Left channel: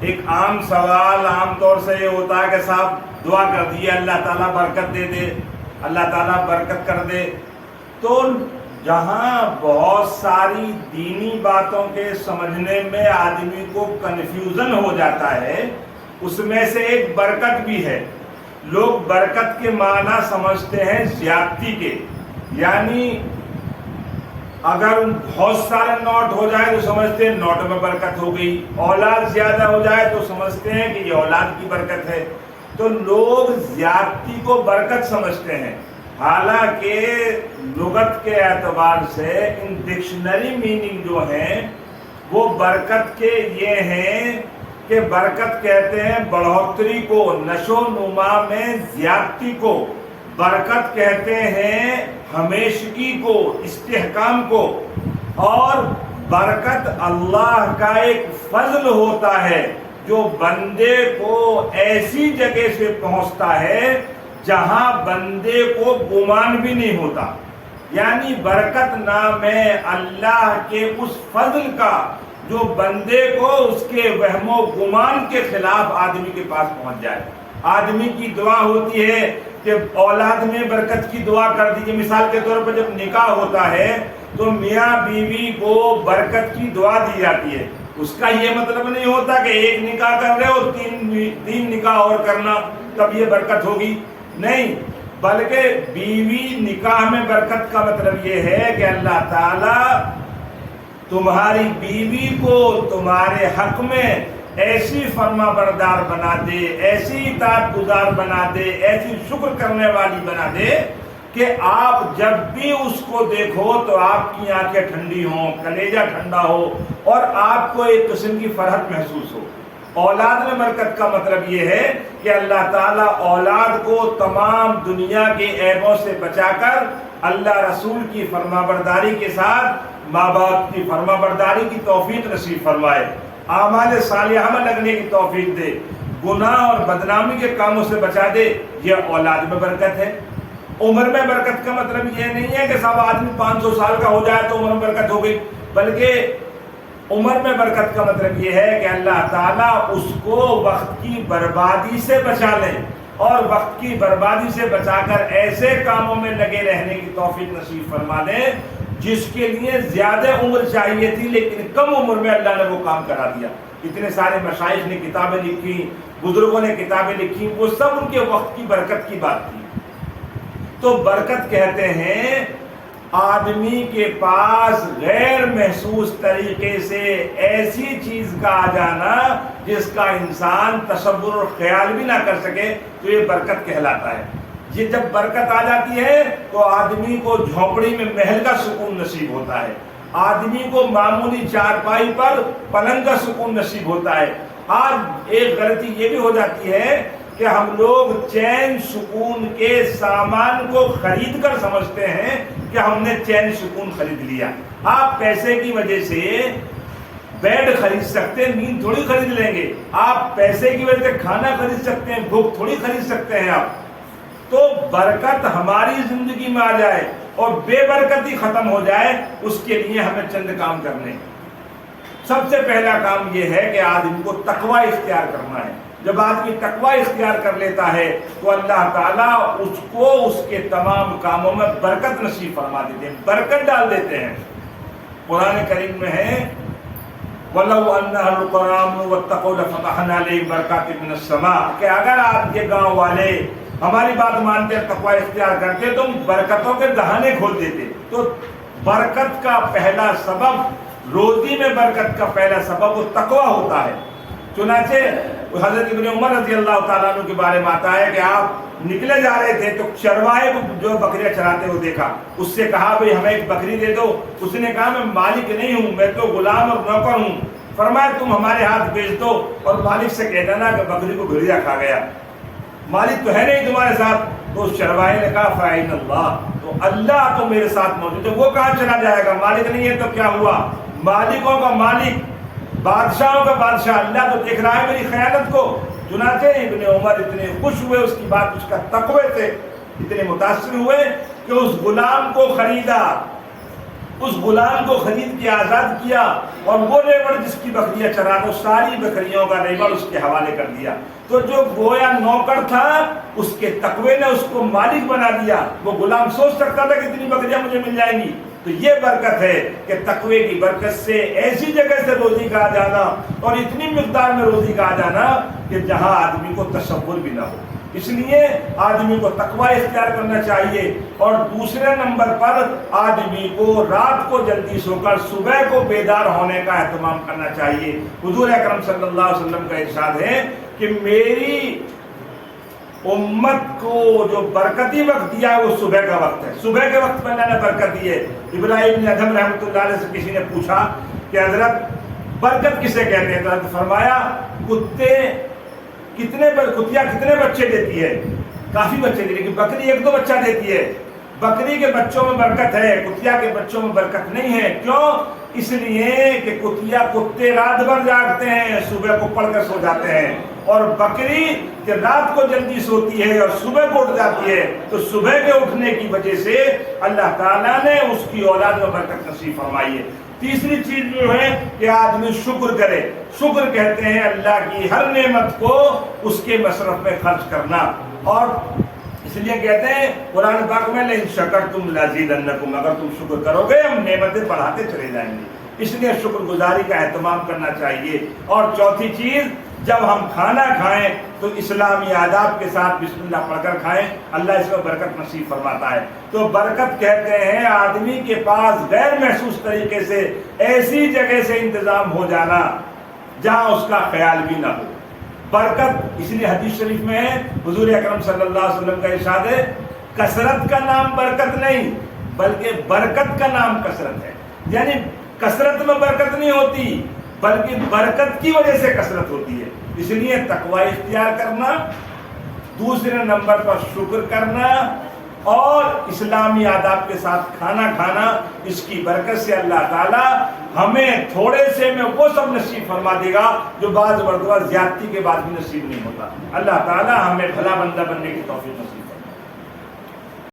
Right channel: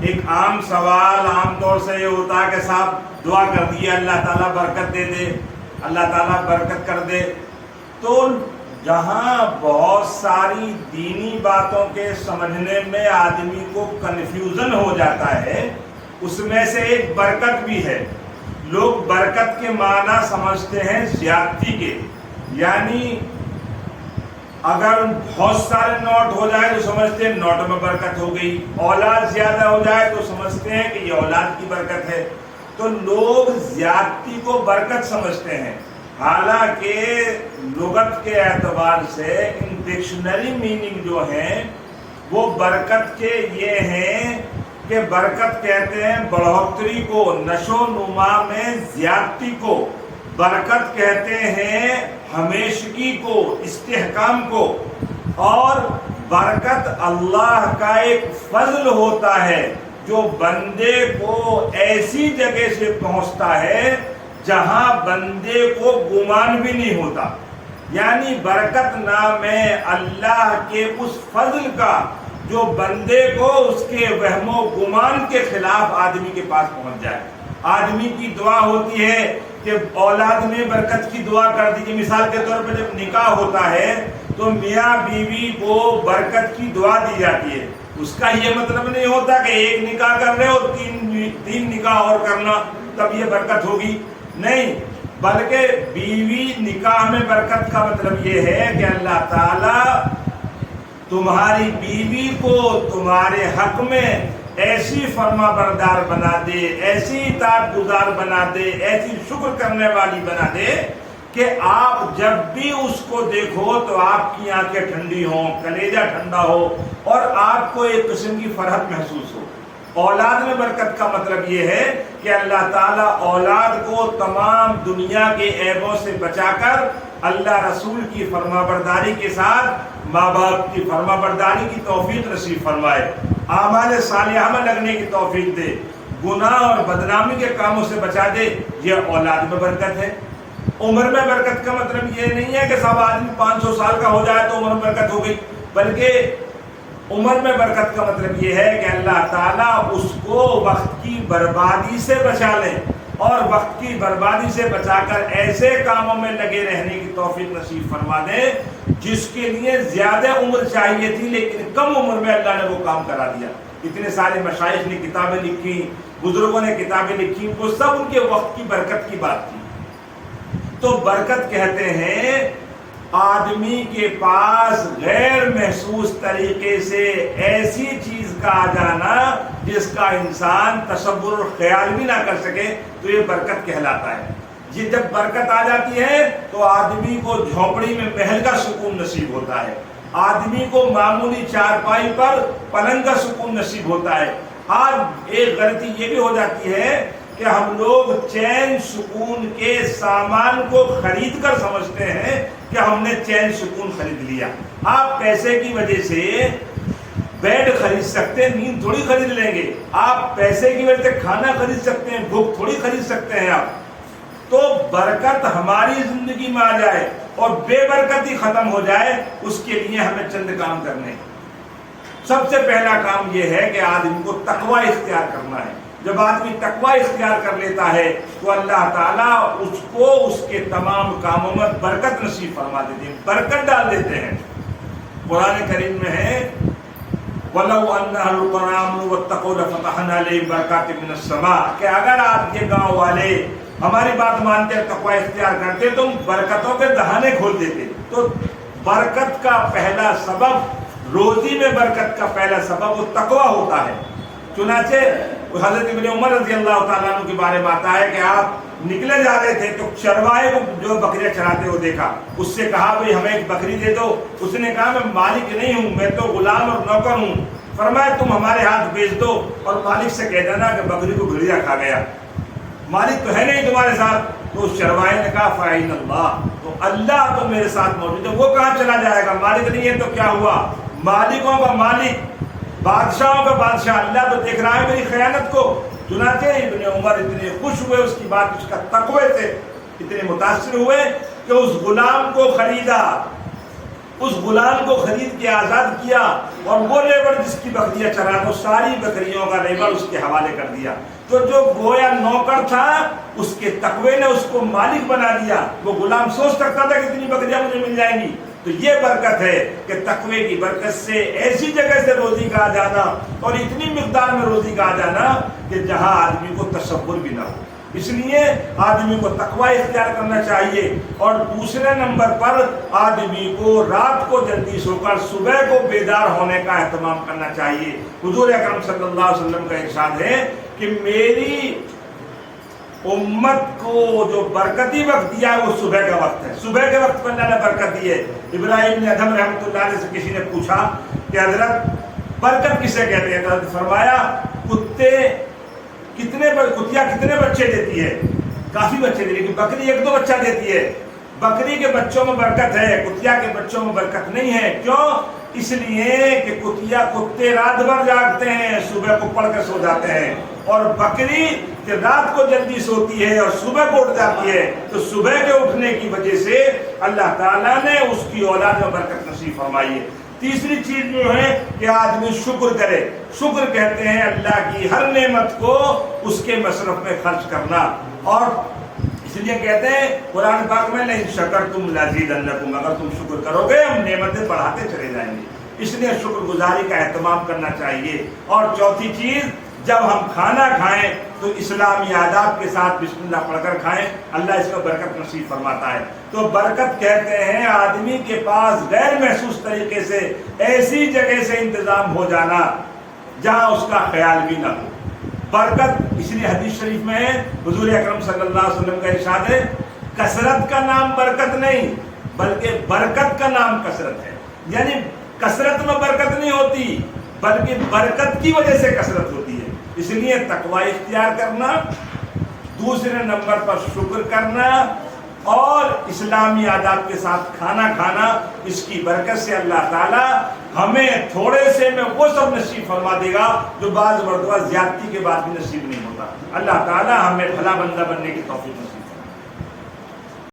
ایک عام سوال عام طور سے یہ ہوتا ہے کہ صاحب دعا کر دیے اللہ تعالیٰ برکت دے دے، اللہ تعالیٰ برکت کر دے۔ تو جہاں بہت ساری دینی باتوں کے سمجھنے میں آدمی کو کنفیوژن ہو جاتا ہے، اس میں سے ایک برکت بھی ہے۔ لوگ برکت کے معنی سمجھتے ہیں زیادتی کے، یعنی اگر بہت سارے نوٹ ہو جائے تو سمجھتے ہیں نوٹ میں برکت ہو گئی، اولاد زیادہ ہو جائے تو سمجھتے ہیں کہ یہ اولاد کی برکت ہے۔ تو لوگ زیادتی کو برکت سمجھتے ہیں، حالانکہ لغت کے اعتبار سے ان ڈکشنری میننگ جو ہیں وہ برکت کے یہ ہیں کہ برکت کہتے ہیں بڑھوتری کو، نشو نما میں زیادتی کو، برکت کہتے ہیں ہمیشگی کو، استحکام کو، اور برکت اللہ کا ایک فضل ہوتا ہے جو بندے کو ایسی جگہ سے پہنچتا ہے جہاں بندے کو گمان بھی نہیں ہوتا۔ یعنی برکت نام ہے اللہ کے اس فضل کا جو بندے کو اس کے وہم و گمان کے خلاف آدمی کے پاس پہنچ جائے۔ آدمی کی دعا ہوتی ہے کہ اولاد میں برکت کی دعا کر دیجیے۔ مثال کے طور پر جب نکاح ہوتا ہے تو میاں بیوی کو برکت کی دعا دی جاتی ہے۔ اس کا یہ مطلب نہیں ہوتا کہ ایک نکاح کر رہے ہو تین نکاح اور کرنا تب یہ برکت ہوگی، نہیں، بلکہ بیوی نکاح میں برکت کا مطلب یہ ہے کہ اللہ تعالی تمہاری بیوی کو تمہارے حق میں ایسی فرما بردار بنا دے، ایسی اطاعت گزار بنا دے، ایسی شکر کرنے والی بنا دے کہ آپ جب بھی اس کو دیکھو تو آپ کی آنکھیں ٹھنڈی ہوں، کلیجہ ٹھنڈا ہو اور آپ کو ایک قسم کی فرحت محسوس ہو۔ اولاد میں برکت کا مطلب یہ ہے کہ اللہ تعالیٰ اولاد کو تمام دنیا کے عیبوں سے بچا کر اللہ رسول کی فرما برداری کے ساتھ ماں باپ کی فرما برداری کی توفیق نصیب فرمائے، اعمال صالحہ میں لگنے کی توفیق دے، گناہ اور بدنامی کے کاموں سے بچا دے۔ یہ اولاد میں برکت ہے۔ عمر میں برکت کا مطلب یہ نہیں ہے کہ صاحب آدمی 500 سال کا ہو جائے تو عمر میں برکت ہو گئی، بلکہ عمر میں برکت کا مطلب یہ ہے کہ اللہ تعالیٰ اس کو وقت کی بربادی سے بچا لیں اور وقت کی بربادی سے بچا کر ایسے کاموں میں لگے رہنے کی توفیق نصیب فرما دیں جس کے لیے زیادہ عمر چاہیے تھی لیکن کم عمر میں اللہ نے وہ کام کرا دیا۔ اتنے سارے مشائخ نے کتابیں لکھی، بزرگوں نے کتابیں لکھی، وہ سب ان کے وقت کی برکت کی بات تھی۔ تو برکت کہتے ہیں آدمی کے پاس غیر محسوس طریقے سے ایسی چیز کا آ جانا جس کا انسان تصور اور خیال بھی نہ کر سکے، تو یہ برکت کہلاتا ہے۔ یہ جب برکت آ جاتی ہے تو آدمی کو جھونپڑی میں محل کا سکون نصیب ہوتا ہے، آدمی کو معمولی چارپائی پر پلنگ کا سکون نصیب ہوتا ہے۔ آج ایک غلطی یہ بھی ہو جاتی ہے کہ ہم لوگ چین سکون کے سامان کو خرید کر سمجھتے ہیں کہ ہم نے چین سکون خرید لیا۔ آپ پیسے کی وجہ سے بیڈ خرید سکتے ہیں، نیند تھوڑی خرید لیں گے۔ آپ پیسے کی وجہ سے کھانا خرید سکتے ہیں، بھوک تھوڑی خرید سکتے ہیں آپ۔ تو برکت ہماری زندگی میں آ جائے اور بے برکتی ختم ہو جائے، اس کے لیے ہمیں چند کام کرنے۔ سب سے پہلا کام یہ ہے کہ آدمی کو تقوی اختیار کرنا ہے۔ جب آدمی تقوی اختیار کر لیتا ہے تو اللہ تعالیٰ اس کو اس کے تمام کاموں میں برکت نصیب فرما دیتے ہیں، برکت ڈال دیتے ہیں۔ قرآن کریم میں ہے وَلَوْ أَنَّ أَهْلَ الْقُرَىٰ آمَنُوا وَاتَّقَوْا لَفَتَحْنَا عَلَيْهِمْ بَرَكَاتٍ مِّنَ السَّمَاءِ کہ اگر آج یہ گاؤں والے ہماری بات مانتے ہیں، تقوی اختیار کرتے تو برکتوں کے دہانے کھول دیتے۔ تو برکت کا پہلا سبب، روزی میں برکت کا پہلا سبب وہ تقوی ہوتا ہے۔ چنانچہ حضرت ابن عمر رضی اللہ تعالیٰ عنہ کے بارے میں آتا ہے کہ آپ نکلے جا رہے تھے تو چرواہے کو جو بکریاں چراتے ہوئے دیکھا، اس سے کہا بھئی ہمیں ایک بکری دے دو۔ اس نے کہا میں مالک نہیں ہوں، میں تو غلام اور نوکر ہوں۔ فرمایا تم ہمارے ہاتھ بیچ دو اور مالک سے کہہ دینا کہ بکری کو بھیڑیا کھا گیا، مالک تو ہے نہیں تمہارے ساتھ۔ تو اس چرواہے نے کہا فَأَيْنَ اللَّهُ، تو اللہ تو میرے ساتھ موجود ہے، وہ کہاں چلا جائے گا؟ مالک نہیں ہے تو کیا ہوا؟ مالکوں کا مالک، بادشاہوں کا بادشاہ اللہ تو دیکھ رہا ہے میری خیانت کو۔ چنانچہ ابن عمر اتنے خوش ہوئے اس کی بات، اس کا تقوی سے اتنے متاثر ہوئے کہ اس غلام کو خریدا، اس غلام کو خرید کے آزاد کیا اور وہ لیبر جس کی بکریاں چرا دو ساری بکریوں کا لیبر اس کے حوالے کر دیا. تو جو گویا نوکر تھا اس کے تقوی نے اس کو مالک بنا دیا. وہ غلام سوچ سکتا تھا کہ اتنی بکریاں مجھے مل جائیں گی. تو یہ برکت ہے کہ تقوی کی برکت سے ایسی جگہ سے روزی کا آ جانا اور اتنی مقدار میں روزی کا آ جانا کہ جہاں آدمی کو تصور بھی نہ ہو. اس لیے آدمی کو تقوی اختیار کرنا چاہیے. اور دوسرے نمبر پر آدمی کو رات کو جلدی سو کر صبح کو بیدار ہونے کا اہتمام کرنا چاہیے. حضور اکرم صلی اللہ علیہ وسلم کا ارشاد ہے کہ میری امت کو جو برکتی وقت دیا ہے وہ صبح کا وقت ہے. صبح کے وقت میں اللہ نے برکت دی ہے. ابراہیم نے ادھم رحمۃ اللہ علیہ سے کسی نے پوچھا کہ حضرت برکت کسے کہتے ہیں؟ حضرت فرمایا کتیا کتنے بچے دیتی ہے؟ کافی بچے دیتی ہے. لیکن بکری ایک دو بچہ دیتی ہے. بکری کے بچوں میں برکت ہے, کتیا کے بچوں میں برکت نہیں ہے. کیوں؟ اس لیے کہ کتے رات بھر جاگتے ہیں, صبح کو پڑھ کر سو جاتے ہیں, اور بکری کہ رات کو جلدی سوتی ہے اور صبح کو اٹھ جاتی ہے. تو صبح کے اٹھنے کی وجہ سے اللہ تعالیٰ نے اس کی اولاد میں برکت نصیب فرمائی ہے. تیسری چیز جو ہے کہ آدمی شکر کرے. شکر کہتے ہیں اللہ کی ہر نعمت کو اس کے مصرف میں خرچ کرنا. اور اس لیے کہتے ہیں قرآن پاک میں لئن شکرتم لازیدنکم, اگر تم شکر کرو گے ہم نعمتیں بڑھاتے چلے جائیں گے. اس لیے شکر گزاری کا اہتمام کرنا چاہیے. اور چوتھی چیز, جب ہم کھانا کھائیں تو اسلامی آداب کے ساتھ بسم اللہ پڑھ کر کھائیں, اللہ اس میں برکت نصیب فرماتا ہے. تو برکت کہتے ہیں آدمی کے پاس غیر محسوس طریقے سے ایسی جگہ سے انتظام ہو جانا جہاں اس کا خیال بھی نہ ہو. برکت اس لیے حدیث شریف میں ہے, حضور اکرم صلی اللہ علیہ وسلم کا ارشاد ہے کثرت کا نام برکت نہیں بلکہ برکت کا نام کثرت ہے. یعنی کثرت میں برکت نہیں ہوتی بلکہ برکت کی وجہ سے کثرت ہوتی ہے. اس لیے تقوی اختیار کرنا, دوسرے نمبر پر شکر کرنا, اور اسلامی آداب کے ساتھ کھانا کھانا, اس کی برکت سے اللہ تعالیٰ ہمیں تھوڑے سے میں وہ سب نصیب فرما دے گا جو بعض مرتبہ زیادتی کے بعد بھی نصیب نہیں ہوتا. اللہ تعالیٰ ہمیں بھلا بندہ بننے کی توفیق نصیب فرما.